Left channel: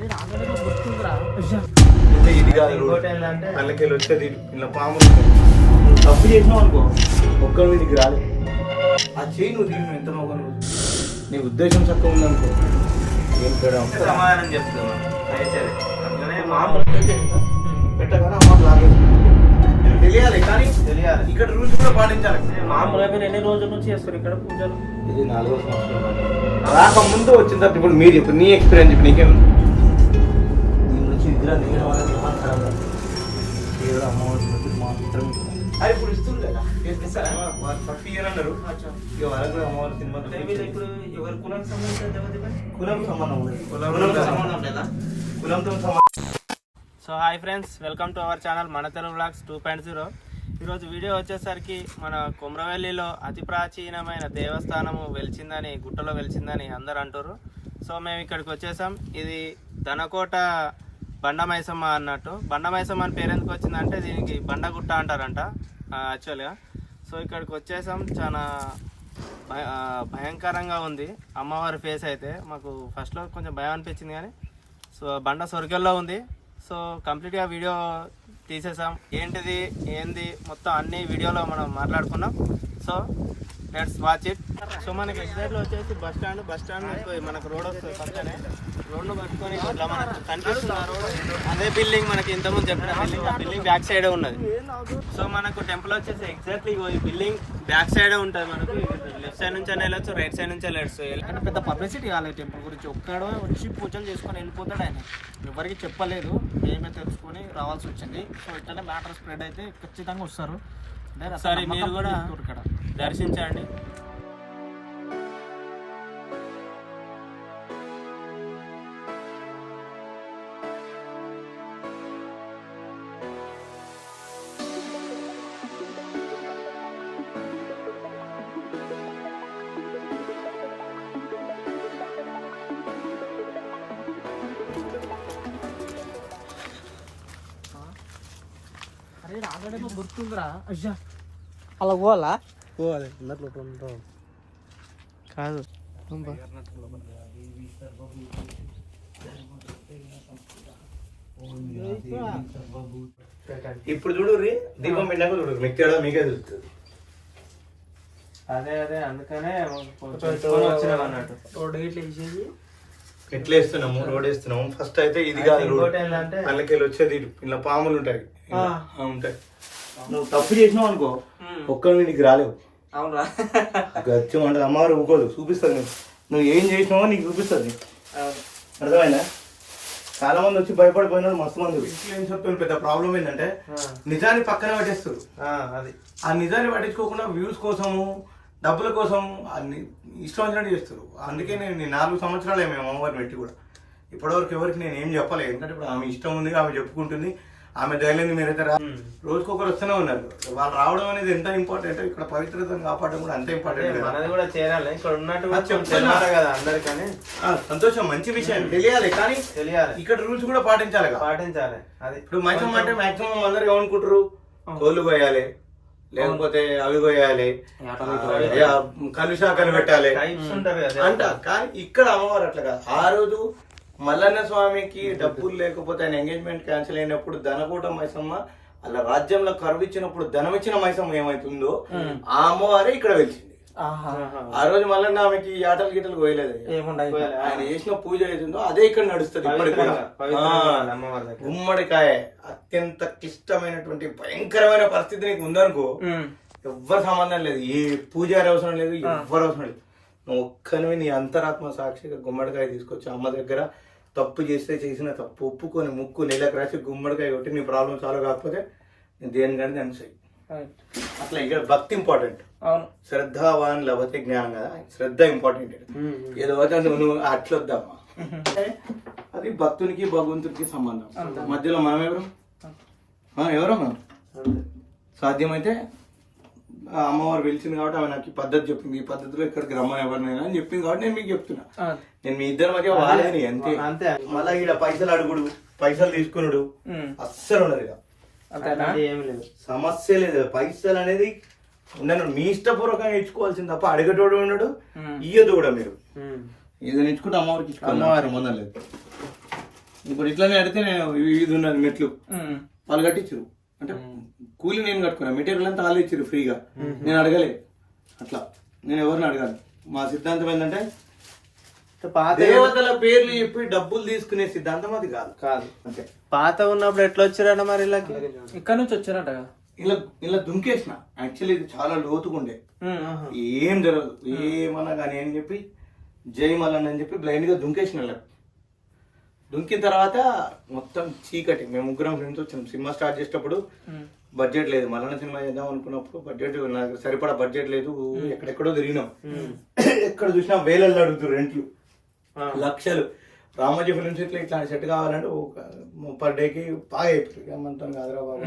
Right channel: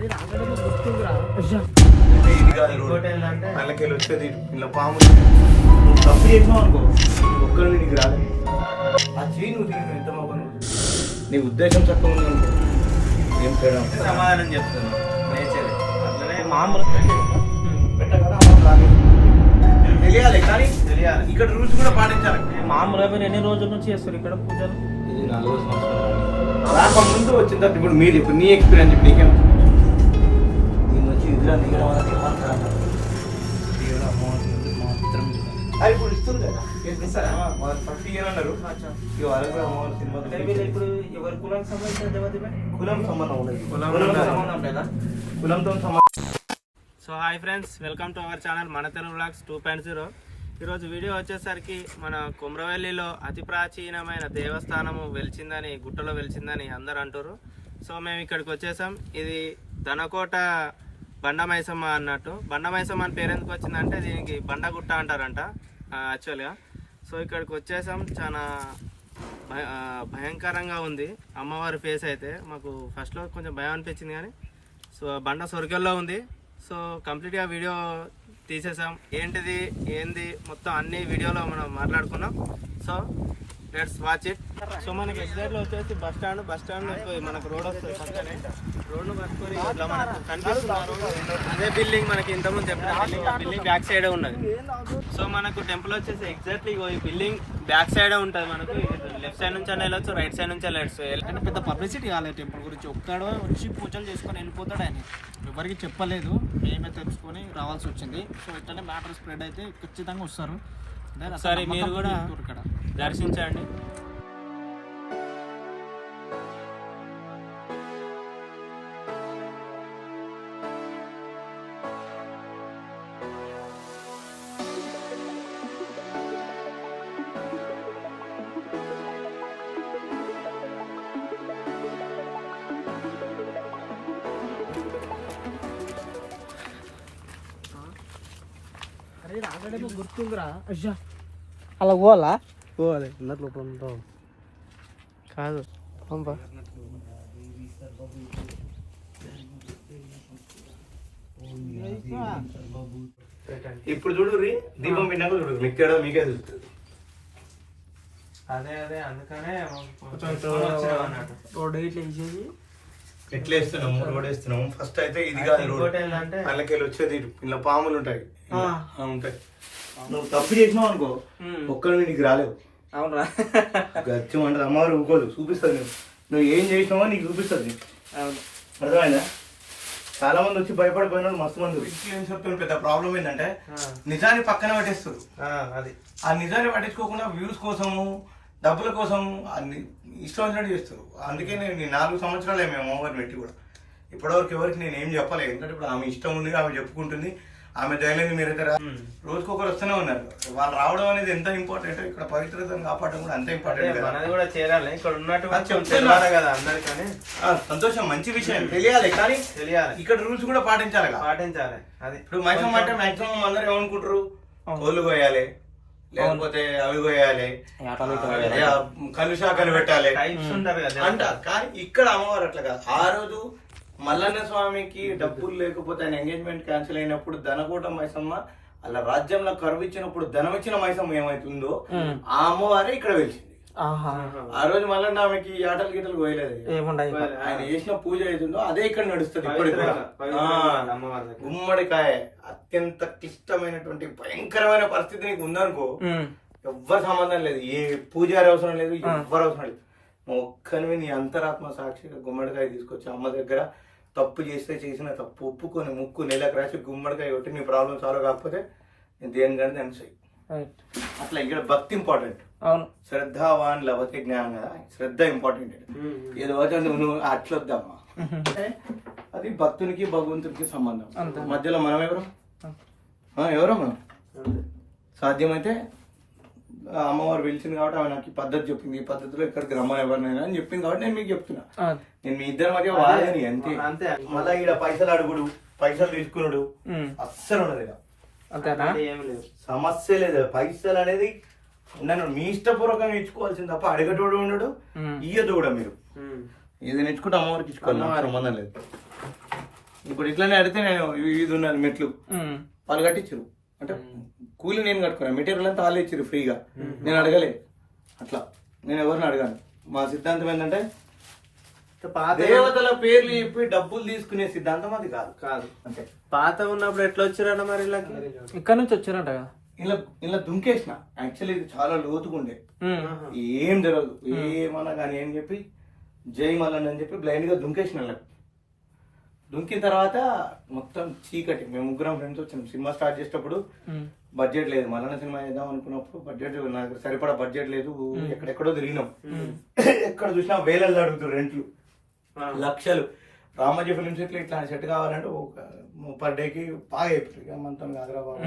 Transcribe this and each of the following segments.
ఇది కాదు అందుకెళ్ళి వచ్చేది ఇలా పాములు తప్పు చేసినావు అనుకో ఒక్కరు నీకు రాలేదు ఆ చేయి నువ్వు తిరిగి ఎంత మొక్కను నీ ఉద్దేశం చక్కగా ఉందనుకో ఏం తేడా సమాధానం చెప్తున్నాను అట్లనే తెలియాలి కానీ తెలియాలి. ఇక్కడ రూల్స్ కూడా పాటించాలి. మామూలుగా మీరు ఎన్ని రోజుల నుంచి చేస్తారు ఇక్కడ పూజలు? ఇది 4వ సంవత్సరం రాక ముందు వచ్చిన తర్వాత ఇప్పుడు మీరు చెప్పు నీ ఎక్స్పీరియన్స్ చెప్పు నీకేం నీ మంచి విగ్రహం దిగడం వల్ల అది ఇప్పుడు ఇస్తుంది కదా ఫస్ట్ ఇయర్ అన్నారు ఇక వరకు అమ్మవారి సినిమా ఇప్పుడు ఎవరి కులానికి సంబంధించిన దేవత కులం సంబంధం ఉండదు కులంతో సంబంధం. So hi friends, welcome to our channel మన తెలుగు వ్లాగ్స్ 2.0. ఈరోజు వీడియో వచ్చేసరికి మన కుమ్రవెల్లిలో అతి ప్రాచీనమైన దేవస్థానము వెలిచిందని, గుట్టలో వెలిచిందని అందరు అంటారు. సో మేము ఇక్కడికి వచ్చేసాం. ఇది ధనకోట బండమైసమ్మ అన్నట్టు. బండమైసమ్మ అని పేరు ఎందుకు వచ్చిందంటే దీనికి బండగుట్ట అంటారంట యాక్చువల్గా. సో ఇక్కడికి వచ్చేసాం. చాలా భయంకరంగా ఉంది అమ్మవారి ఫేస్ అయితే. మాకు ఫస్ట్లో కొంచెం భయం అనిపించింది కానీ సో బండ సొరికల్లో ఉంది. సో కంప్లీట్గా వీడియో తీసేసాం. ఏంటిది ఏంది మొత్తం అన్ని వీడియోలో మనం మాట్లాడుకున్నాం. So let's watch it. So మనకి ఎగ్జాక్ట్లో వచ్చేసి బస్ స్టాండ్ మనకు రోడ్ వస్తుంది. పక్కనే రోడ్లు కట్టుకొని ఇట్లా మనకు కనిపిస్తుంది రోడ్. అదే బిల్డింగ్ మనకి ఇంతకుముందు చెప్పిన బిల్డింగ్, ఆ బిల్డింగ్ బ్యాక్ సైడే ఉన్నది. సో మనకు టెంపుల్ వచ్చేసి ఎగ్జాక్ట్లీ ఈ బిల్డింగ్ బ్యాక్ సైడే ఉంటుంది. మనకు లెఫ్ట్ సైడ్ నుంచి వెళ్ళొచ్చు, రైట్ సైడ్ నుంచి వెళ్ళొచ్చు. అంటే పెద్ద పబ్లిసిటీ కాలేదు టెంపుల్ గురించి. ఒక్కడో వచ్చి పూజలు చేసుకొని వెళ్ళిపోతాడు ఆయన. ఎవరికి చెప్పలేదు, మేమే తెలుసుకొని రావాల్సి వచ్చింది. సో ఇట్లనే మ్యాటర్ స్ప్రెడ్ అయితే ఖచ్చితంగా వస్తారు. సరే మీరు కూడా ఇక్కడ దర్శించండి. అరే రాగడేమో గుర్తుందిరా. అయ్యా అలా పోవాలా? పోవాలి లోపల కాదు ఇప్పుడు చూడు దీపం పెట్టినాక చూడు మీకు మీకే తెలుస్తుంది. అదే అందుకనే రోడ్ ఇట్లా వేసేది ఎట్లా వేస్తున్నాము రోడ్ వేస్తున్నాము. ఫస్ట్ అయితే ఇది కాదు రోడ్ అందుకెళ్ళి వచ్చేది ఇలా పాములు ఉంటాయి ఉంటాయి. నువ్వు తప్పు చేసినావు అనుకో ఒక్కరు నీకు రాలేవు. అవునా? గచ్చం అంటే అమ్మవారు ఊకోదు, చూపిస్తుంది నీకు. నువ్వు ఏం చేసినావో నీకు చూపిస్తుంది. అర్థమైందా? చాలా మంది వచ్చి భయపడిపోయినారు మస్తు మంది. ఇన్ఫ్లుయెన్సర్తో పెద్ద ప్రాబ్లం ఏంటంటే నిజాన్ని పక్కన పట్టేస్తారు. అది ఆ నిజాన్ని పట్టించుకోకుండా వ్యూస్ కోసము డబ్బుల కోసం ఇష్టం వచ్చినట్టు చేస్తారు. అందుకే నేను 4 సంవత్సరాలే మేము అమ్మవారిని పెట్టి కూడా ఇప్పటివరకు ఎవరికి నేను ఏం చెప్పలేదు. ఎందుకంటే ఇప్పుడు ఆమె ఇష్టం ఉంది, ఆమె చెప్పుకుంటుంది, ఆమె ధైర్యంగా మీరైతే రోజుకొకరు వస్తూనే ఉన్నారు. వాళ్ళు రావడం అనేది ఎంత ఇంపార్టెంట్, ఇక్కడ పవిత్రతను కాపాడడం కూడా అంతే ఇంపార్టెంట్. కూడా చేరాలి ఇక్కడ ఉన్నట్టు కదా అందరికీ. సంతోషం, మంచి విషయం తెలియాలి కానీ తెలియాలి. ఇక్కడ రూల్స్ కూడా పాటించాలి. అది ఇప్పుడు మాక్సిమం అంటే మాక్సిమం అందరూ ఏమనుకుంటారు, కోళ్ళు కోయాలి, లేకపోతే అవి కోయాలి, కలుషాకలు పెట్టాలి అంట. కానీ ఇక్కడ అమ్మవారు అట్లా కాదు. ఆ రోజు మల్లన్న స్వామికి డబ్బులు లేకపోతే ఆయన ఎంగేజ్మెంట్ క్యాన్సిల్ అయినప్పుడు ధనకోట మైసమ్మ అలా రాజ్యంలో కరువు ఇచ్చినప్పుడు ధనం ఇచ్చిన మైసమ్మ ఏమైతుందో ఆ అమ్మవారే ఇక్కడ వెలిసింది. ఆ రోజు మల్లన్న ఆమెకి ఆటలు గీటలు కోయలేదు. ఆయన చేసిన పూజ అవుతుందో అదే ఇక్కడ నడుస్తుంది ఇప్పటికి కూడా. గుమ్మడికాయ అత్యంత క్లిష్టమైనటువంటి భయంకరమైన పరిస్థితి నీకు ఉందనుకో, ఎవ్వరు సంబంధం లేదు, ఏ పూజారి అవసరం లేదు, ఎవ్వరు అవసరం లేదు. నువ్వు ఒక్కనివి నీ అంతరాత్మ సాక్షిగా గుమ్మడికాయ తీసుకొచ్చి అమ్మ దగ్గర తప్పు చేస్తే చేసిన తప్పు ఒప్పుకొని ముక్కు నెలకు రాసి గుమ్మడికాయ కొట్టి నీ ప్రాబ్లం సాల్వ్ కాకపోతే నేను దేని కానీ అనిసాయి. అట్లా ఇక్కడ భక్తి ఇంపార్టెంట్. శ్రద్ధావాన్ లభతే జ్ఞానం కదా, శ్రద్ధ ఇంపార్టెంట్. ఏదో నువ్వు అట్లా వద్దామా, అది భక్తునికి భగవంతునికి సంబంధం. మధ్యలో మనం ఎవరో మనం సాధ్యమైతే అమ్మవారు పిలిచింది కాబట్టి ఆమె నాకు ఈ పద్ధతి చెప్పింది, ఈ పద్ధతిలో ఇక్కడికి రమ్మని ఎవరినైనా అని చెప్పింది కాబట్టి నేను మీకు చెప్తున్నా. నేను మీ ఇద్దరి మధ్య వాళ్ళని అంతే. మళ్ళీ ఇక్కడ పైసలు అడుగుడు, పైసలు తీసుకున్నాడు అస్సలు ఉండదు. ఇక సమస్య లేదు. పైసలు అనేది ఉండను, మీ ఇష్టపూర్వకంగా ఇచ్చుకోవాల్సింది తప్ప అడిగేటోడు ఉండడు, ఇయ్యదు కూడా. మీరు ఇది నేర్చుకుంటే అమ్మవారికి ఇచ్చుకోవాలి, సంబంధం లేదు. ఇప్పుడు ఇట్లానే అడిగితే నేను ఇది ఉన్నది మెట్లు వాళ్ళు కట్టించారు అంటే కూలి నేను కట్టుకున్నాను, మెటీరియల్ అంతా వాళ్ళు ఇచ్చారు ఫ్రీగా, నేను అడగలే. అట్లా నేను ఎవరిని అడగాను. మా సిద్ధాంతం ఏంటంటే దేవతల పేర్లు చెప్పి డబ్బులు తీసుకునే సిద్ధాంతం అది కాదు. కాదు అంతే. పాత ఉన్నప్పుడు ఎట్లా వచ్చారన్న మరి వీళ్ళకి? ఇక్కడ నుంచి వచ్చారంట ఇలా ఇలా దుంకేసిన. యాక్చువల్లీ ఇది చాలా లోతుగా ఉండే, ఏం జరగదు ఏమన్నా కానీ అని చెప్పి జై మల్లన్ అని చెప్పి బ్లైండ్ గా దుంకేసిన. ఇలా దుంకిన తర్వాత మొత్తం చీకటి. మేము ముగ్గురం ఫ్రెండ్స్ వచ్చాం. సినిమా స్టార్ట్ చేసేటప్పుడు బడ్జెట్ లేదు, మల్లన్న సినిమా చేద్దాం అనుకున్నప్పుడు బడ్జెట్ నాకు సరిపడా బడ్జెట్ లేదు. ఎక్కడెక్కడో తిరిగినాం, ఎక్కడ చూసినా వేలల్లో అడుగుతారు రెంట్లు, లక్షలు. రామోజీ ఫిల్మ్ సిటీలో ఇట్లాంటి సెట్ కావాలంటే ఒక పర్ డేకి బాగా అయిపోతుంది. మనతో కాదురా బాబు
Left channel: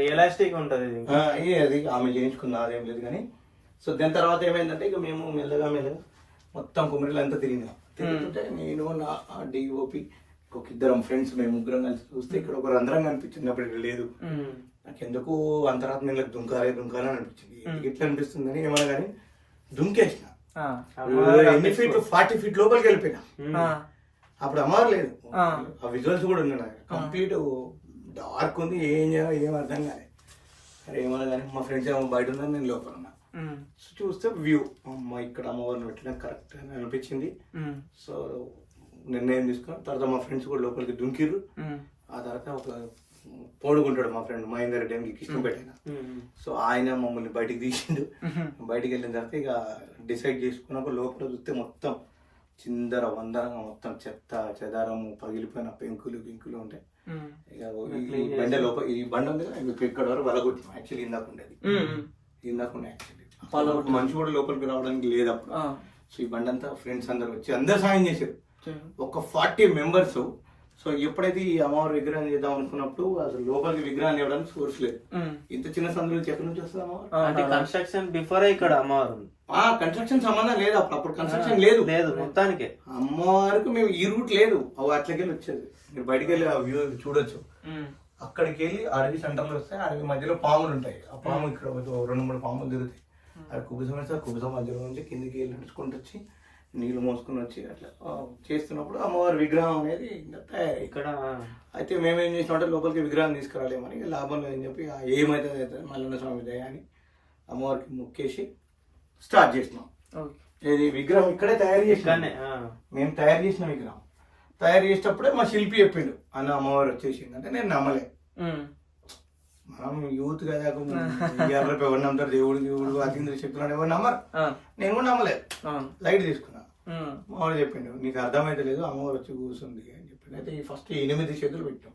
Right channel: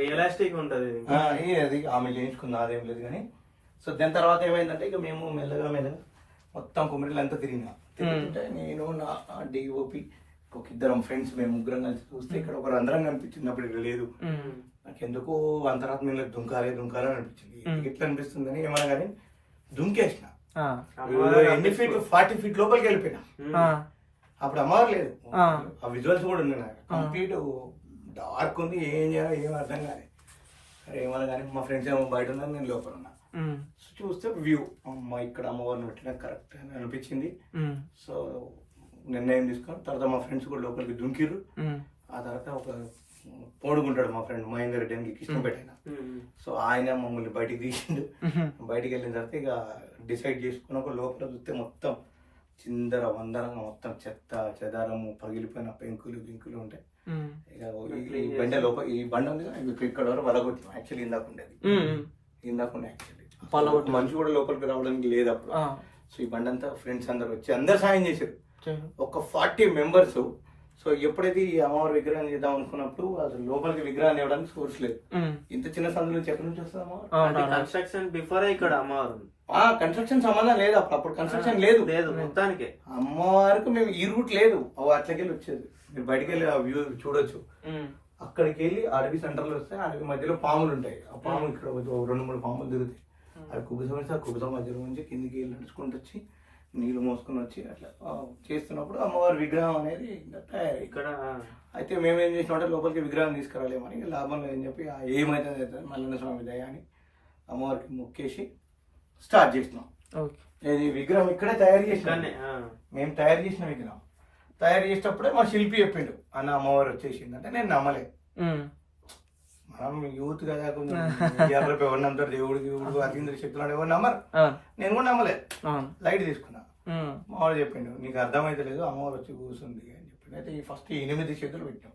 రియలిస్టిక్ ఉంటుంది అది. ఆమె చేయించుకున్న అదేం లేదు కానీ. సో దాని తర్వాత ఏమైందంటే ఇక మేము మెల్లగా మొత్తం కుమిరిలు అంతా తిరిగినాం. తిరుగుతుంటే నేను నా డిఓపి ఒక ఇద్దరం ఫ్రెండ్స్ మేము ముగ్గురం కలిసి చూస్తే ఇక్కడ ఒక రంధ్రం కనిపించింది. అప్పుడు ఇక్కడ లేదు. నాకు ఎందుకు అంతరాత్మ దుంకాలి అని అనిపించింది. ఎట్లా అనిపిస్తుంది అని ఏమన్నా కానీ దుంకేసిన. ఎన్ని ఫీట్ 40 feet లోపలికి వెళ్ళిపోయినా. అప్పుడు అమ్మవారు లేదు. ఆ విజువల్స్ కూడా ఉన్నాయి. కంప్లీట్ డార్క్ ఉంది. ఏం చేయాలి ఏం అర్థం కాదు. అరే ఏమన్నా కానీ మా ఫ్రెండ్స్ ఏమో బయట ఉన్నారు, నేను లోపల ఉన్నా. చూస్తే వ్యూ అమ్మ ఇక్కడ అమ్మవారిని పెట్టడం కరెక్ట్ అని అనిపించింది. సో నిర్ణయం తీసుకొని తర్వాత మా ఫ్రెండ్స్ కూడా లోపలికి దుంకిర్రు. ఆ తర్వాత ఒక పోడుకుంటాడు మా ఫ్రెండ్ మహేందర్ రెడ్డి అని కృష్ణపేట. సో ఆయన మమ్మల్ని బయటికి తీసిండు. బయటికి వెళ్ళిన తర్వాత ఇక డిసైడ్ చేసుకున్నాక లోపల చూస్తే మొత్తం చిందర వందరంగా మొత్తం చెత్త చెదారము పగిలిపోయిన పెంకులు గింకులు ఉంటాయి. ఈ బండ లోపల ఈ బండ ఉంది కదా ఇక్కడ వరకు వలగొట్టినాం. యాక్చువల్లీ ఇందాక ఉండేది యాక్చువల్లీ మనిషి కూడా లోపలికి రావడానికి లేదు అప్పుడు. సో ఈ బండి అంతా ఫ్రెండ్స్ అందరు వచ్చి అందరు సాయం చేశారు. ఒక 40 members. సో ఎప్పుడైతే ఈ అమ్మవారి విగ్రహం చేద్దాం అనుకున్నప్పుడు అసలు లోపలికి విగ్రహాన్ని ఇవ్వడానికి సోర్స్ లేదు. ఇంత చిన్న సందులో నుంచి ఎక్కడి నుంచి వస్తుంది అమ్మవారు? కన్స్ట్రక్షన్ బిఫోర్ ఇక్కడ అమ్మవారు. కన్స్ట్రక్షన్ సంబంధం లేదు. అప్పుడు కన్స్ట్రక్షన్ లేదు మొత్తానికి. అమ్మవారికి మేము ఈ రూట్ లేదు, అట్లకెళ్ళి వచ్చేది. మీరు బయటకు వెళ్ళి ఆ వ్యూ చూడొచ్చు. అక్కడికి వెళ్ళి అడవి సెంటర్లో వస్తే అడవి మధ్యలో పాములు ఉంటాయి. ఆ పాము ఇక్కడ 2-3 పాములు తిరుగుతాయి. అది కుబుసం మధ్యలో నుంచి కిందికి వెళ్ళి నడుచుకుంటూ వచ్చి నీళ్ళు మోసుకొని వచ్చి అట్లా చేస్తున్నప్పుడు అమ్మవారి విగ్రహం అనేది తయారై ఇక్కడ. అయితే మేమేం చేసినామంటే లోపలికి విగ్రహం తీసుకురాలేమని లాభంలో ఏం చెప్పి ఏమైతే మల్లన్న స్వామి దయ అని అమ్మవారికి మొక్కేసి స్టార్ట్ చేసినాం. ఇది విగ్రహం ఇక్కడే తయారు చేసినాం. మేము తయారు చేసిన విగ్రహం తయారు చేసేటప్పుడే మా శిల్పి చెప్పిండు అన్న అమ్మవారు వచ్చేసింది అంటే నేను నమ్మలే. మనం యూత్ కదా ఎవరు నమ్ముతారు దేవుడు అతీంద్ర శక్తులు అని ఎవరు నమ్మరు. నేను కూడా నమ్మలేదు, లైట్ తీసుకున్నా. మామూలు చెప్పిండు నీకు అర్థమైతే లేదు అమ్మవారు వచ్చి కూర్చుంది అని చెప్పిండు. అయితే ఈ ఫస్ట్ 8 చేతులు పెట్టాం.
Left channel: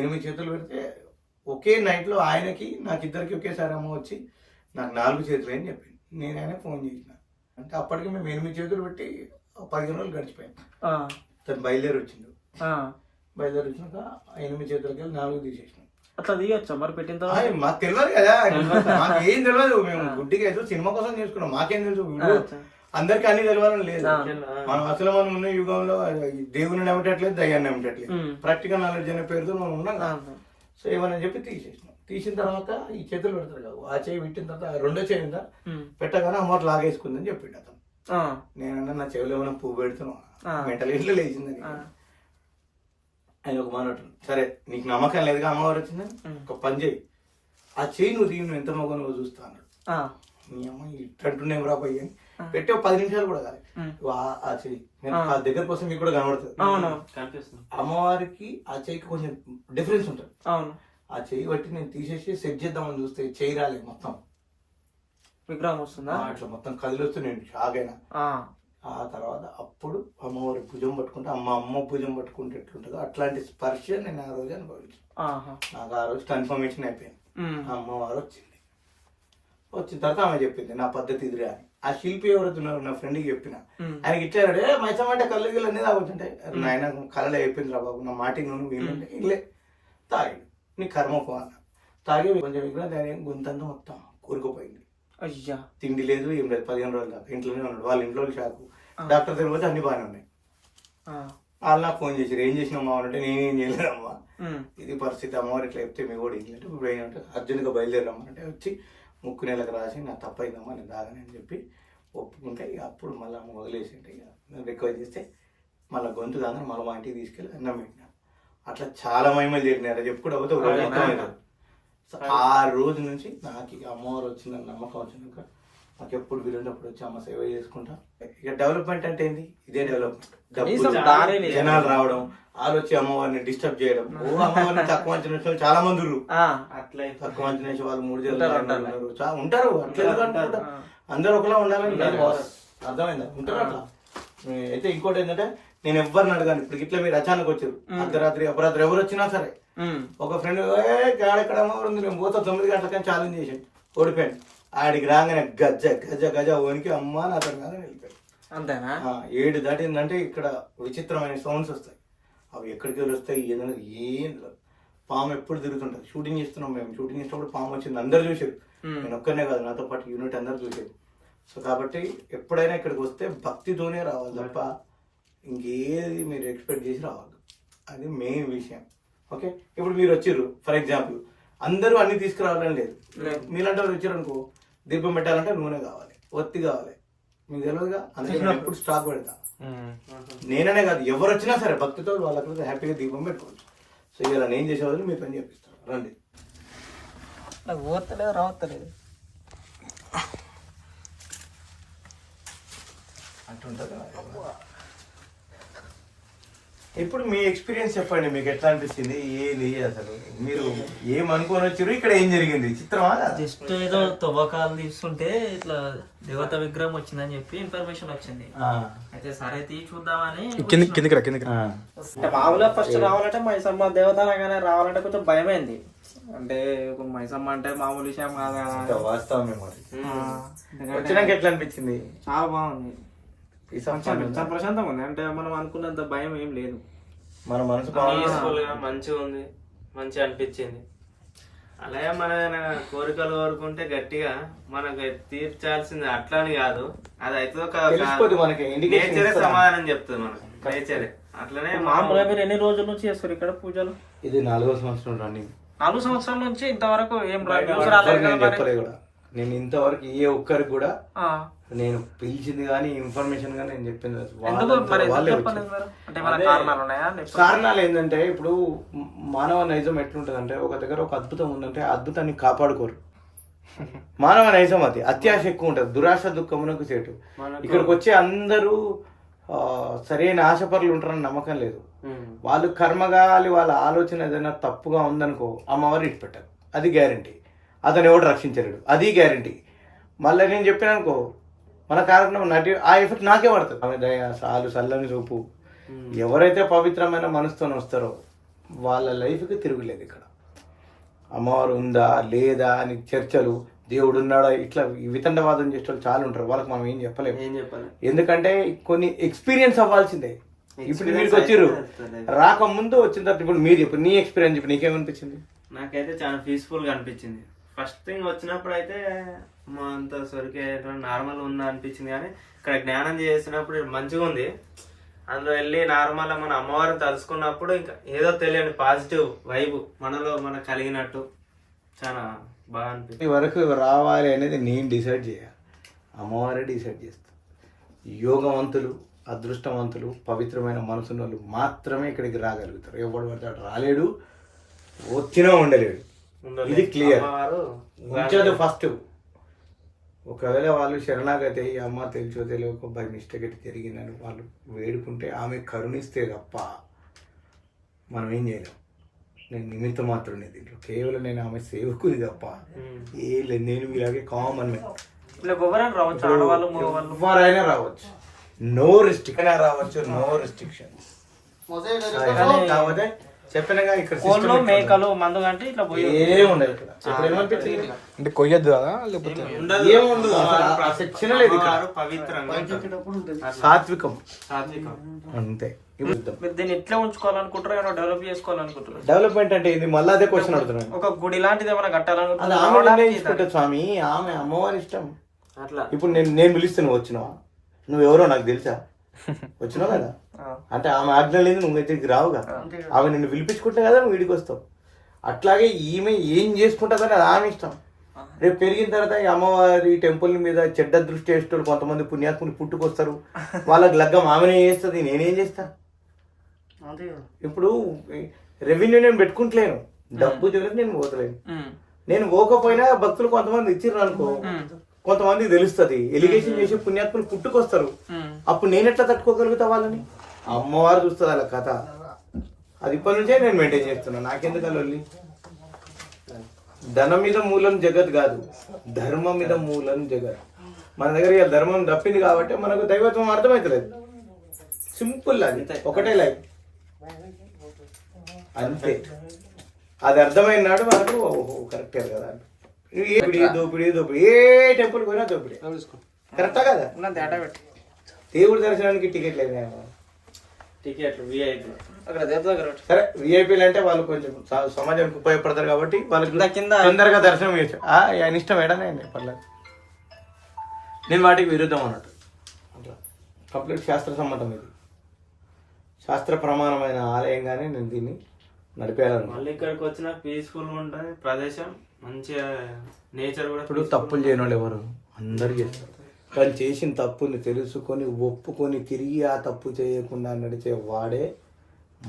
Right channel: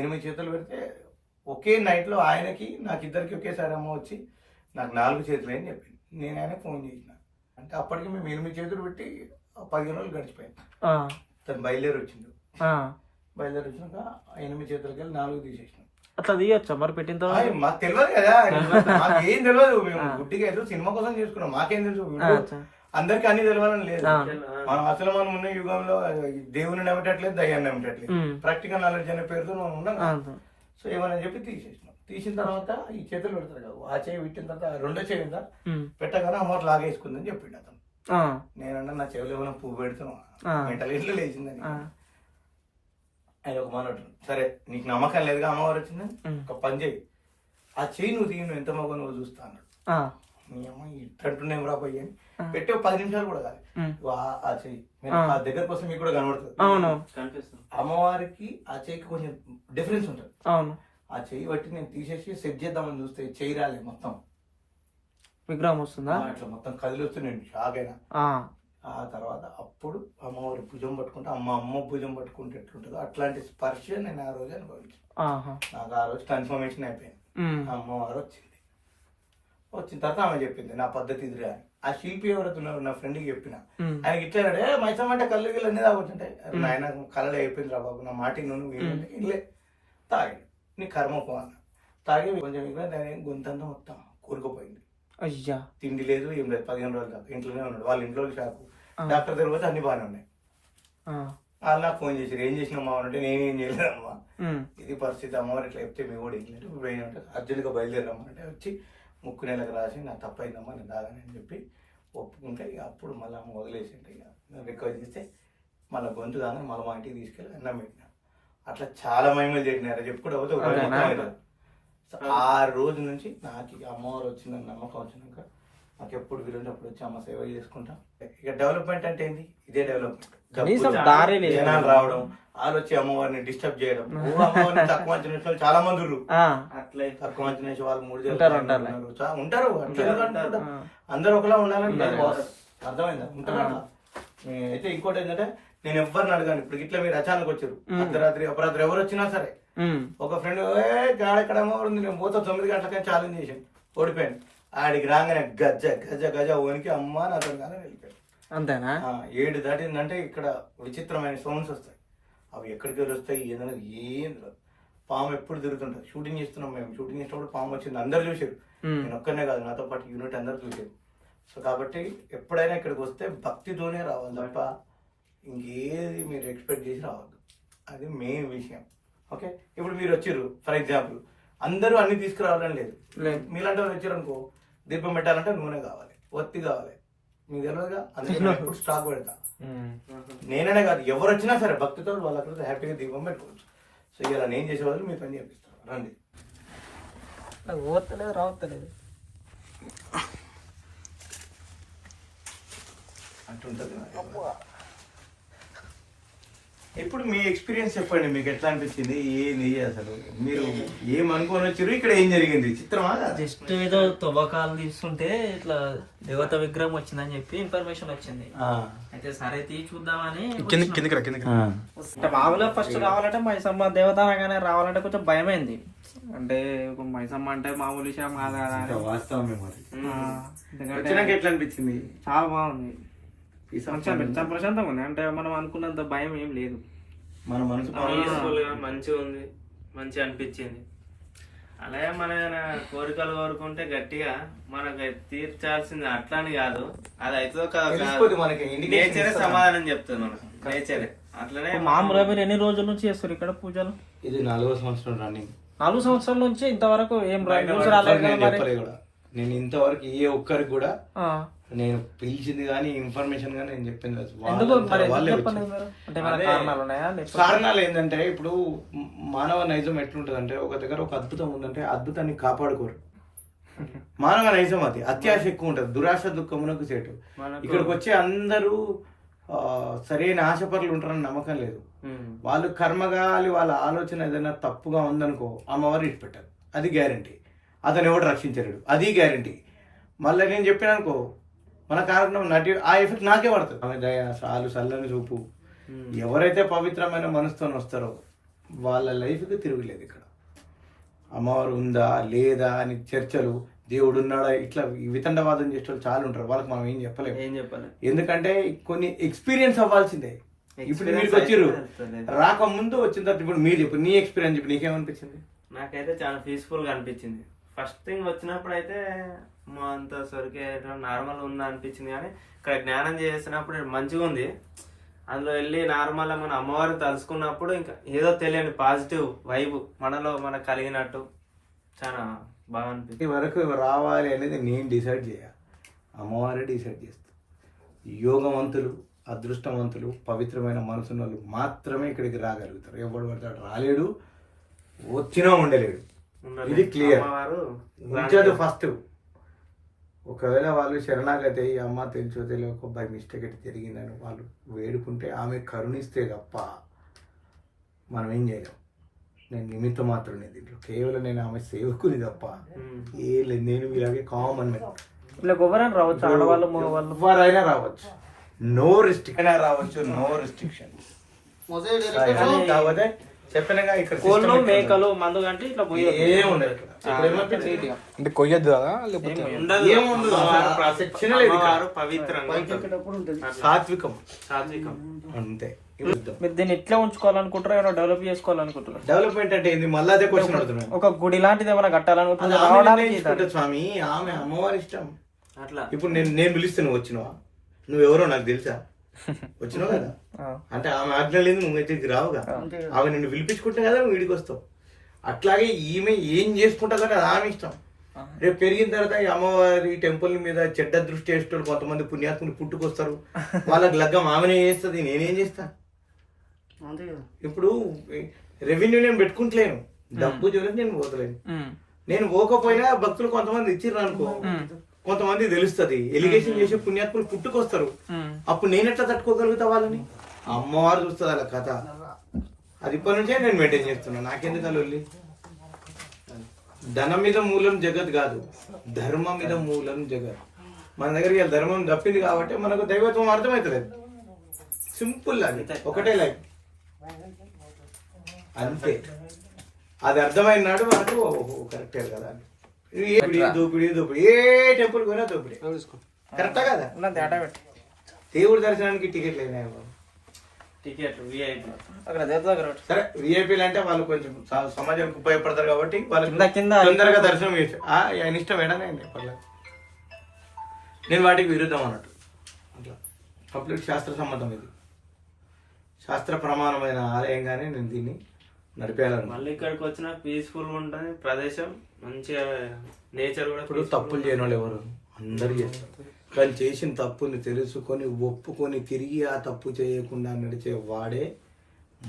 8 చేతులు పెడితే ఒకే నైట్లో ఆయనకి నాకు ఇద్దరికి ఒకేసారి అమ్మ వచ్చి నాకు 4 చేతులు అని చెప్పింది. నేను ఆయన ఫోన్ చేసిన అంటే అప్పటికి మేము 8 చేతులు పెట్టి 15 రోజులు గడిచిపోయింది. తను బయలుదేరి వచ్చిండు. బయలుదేరి వచ్చినాక 8 చేతులకి వెళ్ళి 4 తీసేసినాం. అట్లా తీయచ్చా మరి పెట్టిన తర్వాత? మాకు తెలియదు కదా, మాకు ఏం తెలియదు. మేము గుడ్డిగా ఏదో సినిమా కోసం చేసుకున్నాం, మాకేం తెలుసు. అందరికి అన్ని తెలియాలని లేదు. మనం అసలు మనం ఉన్న యుగంలో దేవుని నమ్మటట్లేదు, దయ్యాన్ని నమ్మటట్లేదు. ప్రాక్టికల్ నాలెడ్జ్ అనే పేరుతో మనం ఉన్నాం. సో ఏమని చెప్పి తీసేసినాం. తీసిన తర్వాత ఈ చేతులు పెడతారు కదా, ఆ చేయి పెట్టిన తర్వాత రెండో చేయి ఉందా పెట్టగానే అమ్మ లాగేసుకుందని చెప్పిండు అతను. నేనన్నా నా చెవిలో ఏమైనా పువ్వు పెడుతున్నాం మెంటల్ ఇట్లు లేచిందని. ఆయన ఒక మాట సరే నీకు నమ్మకం లేదుగా అమ్మవారు వచ్చిందని ఒక పని చేయి, ఆ చెయ్యి నువ్వు తీయి, నువ్వు ఎంత మగ నువ్వు చూస్తా అన్నాడు. నీ అమ్మ ఇట్టంటున్నాం రా పోయి అని పెట్టి 10 నిమిషాలు కూడా కాదు ఆ చెయ్యి ఆ దగ్గర కోసం మీకు కూడా కనబడుతుంది. అమ్మవారికి ఆ చెయ్యికి కొంచెం డిఫరెన్స్ ఉంటుంది. ఆ చెయ్యి బట్టి నేను తీసేసి సెట్ చేద్దామని చూస్తే చెయ్యి రాలేదు, మొత్తం విగ్రహం వస్తుందా అట్లా మొత్తం కదిలి వస్తే నేను షాక్ అయినా. ఆ తర్వాత అప్పుడు అమ్మవారి భుజం పట్టుకుంటే అమ్మ భుజం పట్టుకుంటే ఎట్లుంటుందో అట్లాంటి స్పర్శ నేను ఆ రోజు అనుభవించాను. నాకు ఆ రోజు కన్ఫర్మేషన్ అయిపోయింది, అమ్మవారు వచ్చింది. వచ్చిన తర్వాత ఆమె చెప్పింది నా పద్ధతి ఇదిరా అని. ఆ శిల్పి ఎవరైతున్నారు నా ఫ్రెండ్కి చెప్పిన, ఆయనకి ఇట్లా మైసం అంటే కళ్ళు గిళ్ళు అన్నీ తాగుతుంటే నాయన కళ్ళలో అయిపోయింది రా బాబు నా మాటికి నువ్వు వీళ్ళంటే ఇల్లే తాగాడు. నీ కర్మ పో అన్న. తాగి కొంచెం గొంతంతా మొత్తం కూరుకుపోయింది. అయ్యా తిండి లేదు ఏం లేదు. 15 రోజుల దాకా ఇంట్లోనే ఉన్నాడు. వాళ్ళ ఇంట్లో షాకు. డాక్టర్ దగ్గర పోతే అన్ని బాగానే ఉన్నాయి. వాళ్ళు నాకు ఫోన్ చేశారు ఏం చేసినామ్మా అంటే నేనేం చేయలేదమ్మా, ఇది పరిస్థితి అమ్మవారు ఇట్లా చెప్తే మీ కూడా ఏం లేదు ఇప్పుడు ఏంటంటే అర్జున్గా బయలుదేరమ్మంటే వచ్చి ముక్కు నెలకు రాసి నాకు తప్పైందమ్మా నేను దాగానని చెప్పి ఒప్పుకుంటే ఇక అప్పుడు మళ్ళీ వదిలేసింటే ఇక రిక్వెస్ట్ చేస్తే మళ్ళీ గొంతు దాకా మళ్ళీ మా ఇంటికి తీసుకెళ్ళి అన్నం పెట్టినా. అట్లా చాలా మహిమలు జరిగినారు. అది ఎప్పుడు అవుతే ఒక రోజు మొత్తం అవుతుంది. సో ఆ రోజు నుంచి నాకు ఇక అమ్మవారు వచ్చిన నమ్మకం వచ్చినాక నాకు ఎప్పుడు వీలున్నప్పుడు వచ్చి అమ్మ సేవ చేసుకుంటాం. ఇక డెవలప్మెంట్ అంటే ఏంది? ఇదే డెవలప్మెంట్. జనాలు రావడం, వాళ్ళు వచ్చి అమ్మవారిని డిస్టర్బ్ చేయడం. ఓ అమ్మవారిని తక్కువ అంచనా చాలా మంది తక్కువ అంచనా వాళ్ళు 3 ఉంటారు. అట్లా అందరూ ఒకలా ఉండాలని అర్థమైందా? ఉంటారు అట్లా. అయితే ఇంకోటి ఏంటంటే నేను ఎవరిని అడగాను. ఇప్పుడు ఇట్లా మీరు అచానక్ వచ్చారు, అర్ధరాత్రి అపరాత్రి ఎవరు వచ్చినా సరే, ఒక ఫ్రెండ్ ఎక్కడ అమ్మవారు ఉంది నేను పోతా 9 గంటలకని ఛాలెంజ్ చేశాను, ఓడిపోయాను. ఆడికి రాగానే గజ్జ గజ గజ ఓనికి అమ్మ నా అతను కానీ వెళ్ళిపోయాడు. అంతేనా? 7 దాటిందంటే ఇక్కడ విచిత్రమైన సౌండ్స్ వస్తాయి. అవి ఎక్కడికి వెళ్ళి వస్తాయి ఏదైనా ఏం పాము ఎప్పుడు తిరుగుతుంటది. షూటింగ్ చేస్తున్నాం మేము, షూటింగ్ చేసినప్పుడు పాము వచ్చింది, అందరు చూసారు. నేను ఒక్కనే కాదు, నాతో పాటు యూనిట్ అందరు చూసారు. సో కాబట్టి ఎప్పుడైనా ఇక్కడికి వస్తే భక్తితోనే రావాలి తప్ప ఇంకేది మీరు ఎక్స్పెక్ట్ చేసి రావద్దు. అది మెయిన్ విషయం. ఓకే, ఇప్పుడు మీరు వచ్చారు ఫర్ ఎగ్జాంపుల్, అందరూ అన్ని తీసుకురావాలని లేదు. మీలాంటి వాళ్ళు వచ్చారు అనుకో, దీపం పెట్టాలంటే నూనె కావాలి, ఒత్తి కావాలి, మీకు తెలియదుగా. అందుకే నేను ఎప్పుడు స్టాక్ పెడతా. నేననే కాదు, ఎవరు వచ్చినా సరే భక్తితో వాళ్ళ అక్కడ హ్యాపీగా దీపం పెట్టుకోవచ్చు. సో ఇలా నేను చేసేవాళ్ళు మీ పని చేపిస్తాను. రండి. నాకు ఓర్తలేదు రావట్లేదు అంటుంటుంది. ఇప్పుడు మీ ఎక్స్పీరియన్స్ చెప్పండి, మీకు ఎట్లా అనిపించింది, ఏంది అసలు మీరు ఏమనుకోని వచ్చారు, ఇక్కడ ఏం జరిగింది? చిత్రమా? జస్ట్ ఏదో తవ్వకాలు తీస్తుంటే ఇట్లా దేవత విగ్రహం వచ్చిందని చెప్పి ఇన్ఫర్మేషన్ వచ్చింది. అయితే సరే చూద్దామని మామూలుగా ఫస్ట్ రావాలంటే మైసమ్మ దేవత అనగానే రావాలంటే కొంచెం భయమైంది. అంటే మైసమ్మ అంటే మామూలు విషయం కాదు కదా. వాస్తవం. ఎట్లా అనిపించింది? చాలా బాగుంది, చాలా ప్రశాంతంగా ఉంది. అంటే మనం అనుకున్నంత భయం ఏం లేదు. మన మనసు మంచిగా ఉంది, మంచిగా అనిపించింది. అలాగే మన కోరికలు కోరుకుంటే గట్టిగా మనకు తీర్చాల్సింది అట్లా అని కాదు, అది అయితే నేచరే సమాధానం చెప్తుంది మనకు. నేచరే అట్లనే. మామూలుగా మీరు ఎన్ని రోజుల నుంచి చేస్తారు ఇక్కడ పూజలు? ఇది 4వ సంవత్సరం రన్నింగ్. 4 సంవత్సరాల నుంచి ఇంతవరకు ఏం నేను ఇంతవరకు ఏ ఒక్కరికి కూడా నేను పిలిచింది కానీ ఇన్ఫర్మేషన్ కానీ నేను చెప్పింది. కారణాలు ఏంటంటే ఇప్పుడు మానవ నైజం ఎట్లుంటది అంటే, ఒక దగ్గర ఒక అద్భుతం ఉందంటే అద్భుతాన్ని కాపాడుకోరు. మానవ నైజం అది. అత్యాశ ఎక్కువ ఉంటది, దురాశ దుఃఖమునకు సేటు. ఇక్కడికి వచ్చే అందరూ సరైన ఆశపరులు ఉంటారని నమ్మకం లేదు. వాళ్ళు కర్మగాలి, వాళ్ళ ఆలోచన ఏదైనా తప్పుగా ఉందనుకో అమ్మవారు ఇటు పెట్టారు, అది గ్యారంటీ. అతను ఎవడు రక్షించలేడు, అది గ్యారంటీ. మళ్ళీ నేను చెప్పాను మన కారణం నటి ఆ ఎఫెక్ట్ నాకే పడుతుంది. ఆమె దయ, సాలు, చల్లని చూపు. ఎవరైతే పవిత్రమైన మనసుతో వస్తారో వాళ్ళ లైఫ్కి తిరుగులేదు. ఇక్కడ అమ్మవారు ఉందా లేదా అని చర్చలు, దేవుడు ఉన్నాడా, ఇట్లా వితండవాదం చేసే వాళ్ళు చాలా ఉంటారు. వాళ్ళకి మనం ఏం చెప్పలేము. ఎందుకంటే కొన్ని ఎక్స్పీరియన్స్ అవ్వాల్సిందే. ఇప్పుడు మీరు వచ్చిర్రు, రాకముందు వచ్చిన తర్వాత ఇప్పుడు మీరు చెప్పు నీ ఎక్స్పీరియన్స్. ఇప్పుడు నీకేమనిపించింది? నాకైతే చాలా పీస్ఫుల్ గా అనిపించింది. ఫస్ట్ థింగ్ వచ్చినప్పుడు అయితే మా అంత సరికే నార్మల్ ఉందా అనిపించింది, కానీ ఇక్కడ జ్ఞానం చేసినప్పుడు మంచిగా ఉంది. అందులో వెళ్ళి నార్మల్ మన అమ్మవారిని తలుసుకున్నప్పుడు ఇంకా ఏదో తెలియని పాజిటివ్ వైబ్ మనలో మనకు కలిగినట్టు చాలా బాగా అనిపించింది. ఈ వరకు రావాలి అనేది నేను డిసైడ్ చేయాలి, అమ్మవారే డిసైడ్ చేస్తాను. యోగవంతులు, అదృష్టవంతులు, పవిత్రమైన మనసున్న వాళ్ళు మాత్రమే ఇక్కడికి రాగలుగుతారు. ఎవడు పడతాడు రాలేడు, వచ్చినా ఉండలేడు. ఇది క్లియర్ ఉంచదు. ఫస్ట్ ఒకవేళ వాళ్ళు శరణాగతి అయ్యి అమ్మ తెలుసో తెలియక బై మిస్టేక్ అయితే జరిగిందని వాళ్ళు వేడుకుంటే ఆమె కరుణిస్తే తప్ప మనం ఏం చేయలేం. నేను నిమిత్తం మాత్రమే దీంట్లో, కేవలం నేను ఆమె సేవకుని తప్ప ఏ లేదు. నేను మీలాగే కామన్ ఎవరైనా రావచ్చు, నో రిస్ట్రిక్షన్ రావచ్చు, నో రిస్ట్రిక్షన్. కాకపోతే చెప్పినగా ఇక్కడ మేకలు మందు అంటే ఇట్లా అంటే కొయ్యొద్దు కదా, లేకపోతే సాత్వికం అంతే. మీరు దీన్ని ఎట్లా ఉంచుకోవాలనుకుంటారో ఏమైనా డెవలప్ చేసుకోవాలనుకుంటారు? డెవలప్మెంట్ అంటే ఏంది? మళ్ళీ అదే క్వశ్చన్ అడుగుతున్నాను. ఒక గుడి లాంటిది ఏమైనా కట్టాలనుకుంటున్నా స్వామి, ఆమె అమ్మవారి ఇష్టం. అట్లా ఇప్పుడు నేను పిలుస్తే నువ్వు వచ్చినావా? నువ్వెవరో నాకు తెలుసా? వచ్చినావు కదా, అంటే ఆమె ఆజ్ఞ లేదు నువ్వు తిరిగి రావుగా. ఆమె నిన్ను పిలిపించుకుంటే కదా నువ్వు వీడికి వస్తావు. అట్లాగే ఈమె ఏం చేసుకుంటా కానీ అది ఆమె ఇష్టం. రేపు పెరిగిన తర్వాత ఈ అమ్మవారి టెంపుల్ మీద చెడ్డ దృష్టి వేసేటోళ్ళు కొంతమంది పుణ్యాత్ములు పుట్టుకొస్తారు, వాళ్ళకి లగ్గం ఆమెనే చేస్తుంది, నేనేం చేస్తాను? ఇప్పుడు రెవెన్యూ నేను పెట్టుకుంటలేను, డబ్బు చూడలేదు నేను పోతలేను. నేను పోకపోయినా భక్తులు కొంతమంది ఇచ్చిర్రు అనుకో, కొంతమంది తెలుస్తుంది ఎలిగేషన్ చేసి పుణ్యాత్ములు పుట్టుకొస్తారు, అప్పుడు నేను ఎట్లా తట్టుకోగలుగుతా వాళ్ళని? అమ్మవారు చూస్తుంది అలా కథ. అది ఇప్పటి నుంచే నేను మెయింటైన్ చేస్తున్నా, నాకెందుకు అల్లి. ధనం మీద మూలం జగత్ కాదు, ధర్మం మీద మూలం జగత్. మన దగ్గర ఇవాళ ధర్మం తప్పింది కాబట్టి మనకు దైవత్వం అర్థమవుతలేదు. సింపుల్, అది ఒకటే లైఫ్ అంతే. అది అర్థమైన నాడు మనకు ఓహో కరెక్టే కదా. దోపిడీ దోపిడీ, ఏ టెంపుల్ పోయినా దోపిడీ, కరెక్టా కదా? దేవుడి దర్శనానికి టికెట్లు అయినాయి, సరే విఐపీలు అంటే వాళ్ళు కొంచెం సమాజానికి ఉపయోగపడతారు కాబట్టి వాళ్ళు తొందరగా దర్శనం చేస్తారు. ఆయన ఇష్టం ఏడానే పర్లేదు. నేను వాటికి విరుద్ధం అన్నట్టు, అట్లా కంప్లీట్ శాస్త్ర సమ్మతం. ఇది శాస్త్ర ప్రమాణమైన ఆలయంగానే నేను దీన్ని నడిపేయాలను. మళ్ళీ ఇక్కడికి వచ్చిన పీస్ఫుల్ గా ఉంటుంది ప్రదేశం, మంచిగా నేచర్ కూడా. ఇప్పుడు తప్పులు చేయని వాళ్ళు ఎవరు? అందరూ చేస్తారు. వాళ్ళు చేసిన తప్పుని తెలుసుకొని ఒప్పుకొని తిరిగి ఆ తప్పు చేయకుండా నడిచే వాడే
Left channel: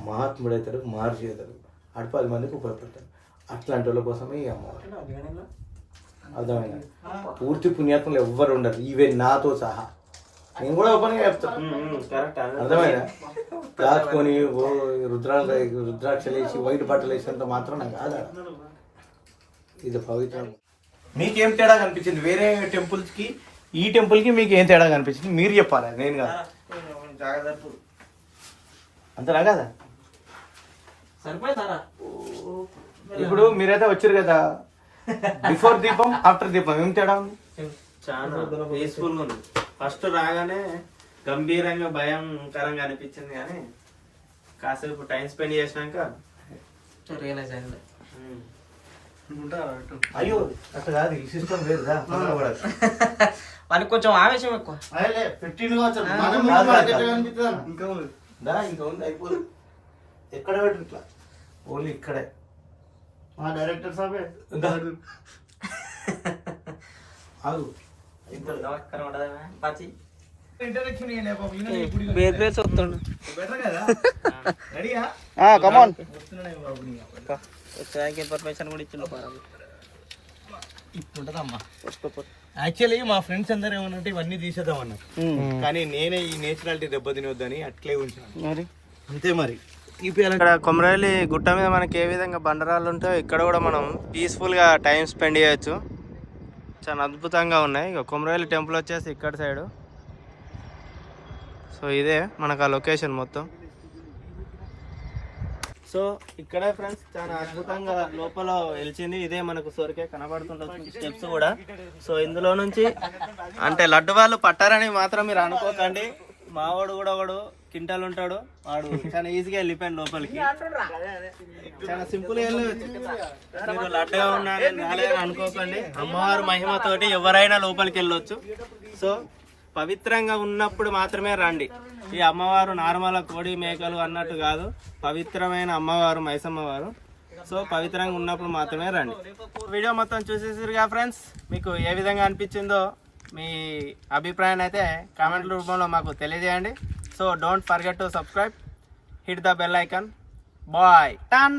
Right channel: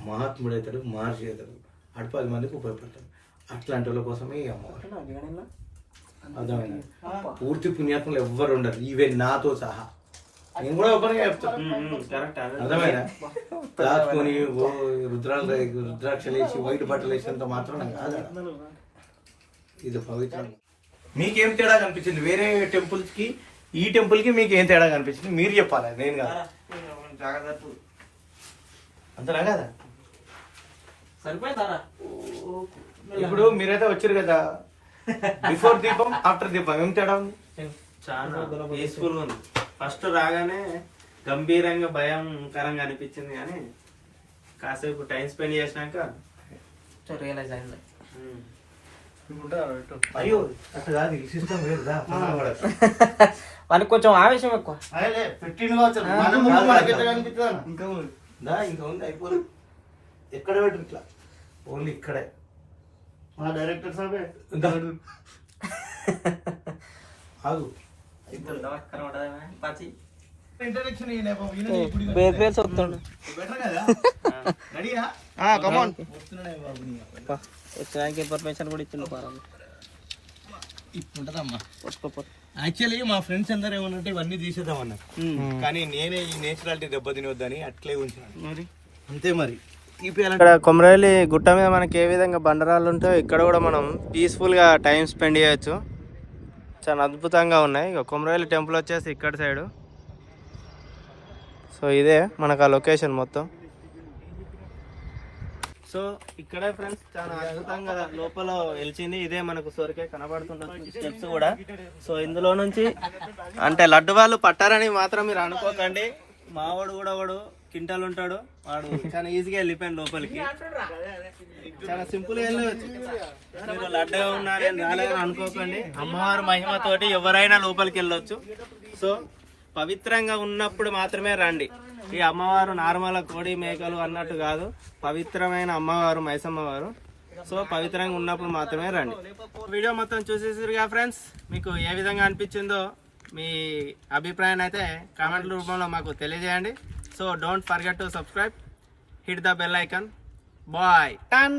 మహాత్ముడవుతాడు, మహర్షి అవుతాడు, అటు 10 మందికి ఉపయోగపడతాడు. అట్లాంటి వాళ్ళ కోసమే ఈ అమ్మవారు. అర్థమైంది? పూర్తి పుణ్యాత్ములు ఎవ్వరు ఉండరు, ఈవెన్ నాతో సహా. నేను కూడా ఓపెన్గా చెప్తాను, అర్థమైనా? దాచుకొని రుద్రాక్షలు వేసి వైట్ బట్టలు వేసినంత మాత్రం నాకు కాదు. ఇది పవిత్రం. మీకేం తేడా కనిపించింది వేరే టెంపుల్స్ కి ఈ టెంపుల్ కి? మీకు ఏం తేడా కనిపించింది మీరు చెప్పాలి, నేను కదా. అంతేనా కదా? సరిపోతారా? ఇప్పుడు మీరైతే వచ్చారు కదా, బిఫోర్ దీపం ఆఫ్టర్ దీపం ఏం తేడా ఉంది? చాలా పీస్ఫుల్ గా ఉంది. ఫస్ట్ రాగానే గంభీరంగా భయంకరంగా అనిపించింది, కానీ కాసేపు టైం స్పెండ్ చేసినాక రియలైజ్ అయింది. అయ్యో అట్లా కాదు, ఈ సిస్టమ్ వేరుదా. వాళ్ళకి కొంచెం ఆవేశం ఎక్కువ. ఇంకా ఉంది, అయిపోదు. ఎక్కడ పెట్టు ఇట్లా, ఓన్లీ ఇక్కడే. మా డైరెక్టర్ సాబే ఇంట్రడక్షన్ ఇన్ఫర్మేషన్ కూడా ఇచ్చింది. ఇప్పుడుంటదమ్మా. యాక్చువల్లీ మా ఫ్రెండ్స్ అందరూ ఏమన్నంటే ఇవన్నీ తీసేద్దామన్నా, కానీ నేనే ఈ నేచురాలిటీ దెబ్బతినొద్దని అట్లే ఉంచాను. అంతే మరి. ఇక్కడ కొమరవెల్లి గుట్ట మీద మనకి ఏ విధంగా బండరాళ్ళు ఉంటాయో ఇక్కడ కూడా మనం పీస్ఫుల్గా టైం స్పెండ్ చేయొచ్చు. చాలా అద్భుతంగా ఉన్నాయి. ఇక కొమరవెల్లి టెంపుల్ వచ్చేసి ఇక్కడ సైడు. సో ఇదే మనకు ఆ లొకేషన్ మొత్తం. సో ఇక్కడే ఫ్రెండ్స్ చాలా అద్భుతంగా లోపల వెలిచింది. ఇదే మనకు సొరకే కనబడుతుంటుంది స్టెప్స్ కూడా. సో ఇందులో నుంచి అంటే లడ్డు వాళ్ళు పట్టారని మాత్రం మీరు అనుకోకండి. మావాడు కూడా వాడు కింటాలు ఉంటాడు, వాడు చాలా ఈజీగా వెళ్ళిపోయాడు లోపలికి. చాలా సింపుల్ గా వెళ్ళవచ్చు. మీరు లడ్డుగా ఉన్నారని రాలేదని అనుకోకండి. అమ్మవారి మహిమతోటి ఎవరైనా లోపలికి వెళ్ళొచ్చు. సో పవిత్రంగా ఉన్నప్పుడు మాత్రమే రండి. ఈ అమ్మవారు నార్మల్ కోడి మేకలు అన్నట్టు కాదు, పవిత్రమైన అమ్మవారు మైసమ్మవారు. సో పవిత్రంగా ఉన్నప్పుడు మాత్రమే రండి. వీడియో మొత్తం చూసేసిరుగా ఫ్రెండ్స్, మీకు ఏ విధంగా అనిపించిందో మీ అభిప్రాయాన్ని అయితే కామెంట్ రూపంలో మాకు తెలియజేయండి. So don't forget to subscribe, hit the bell icon. Bye. Done.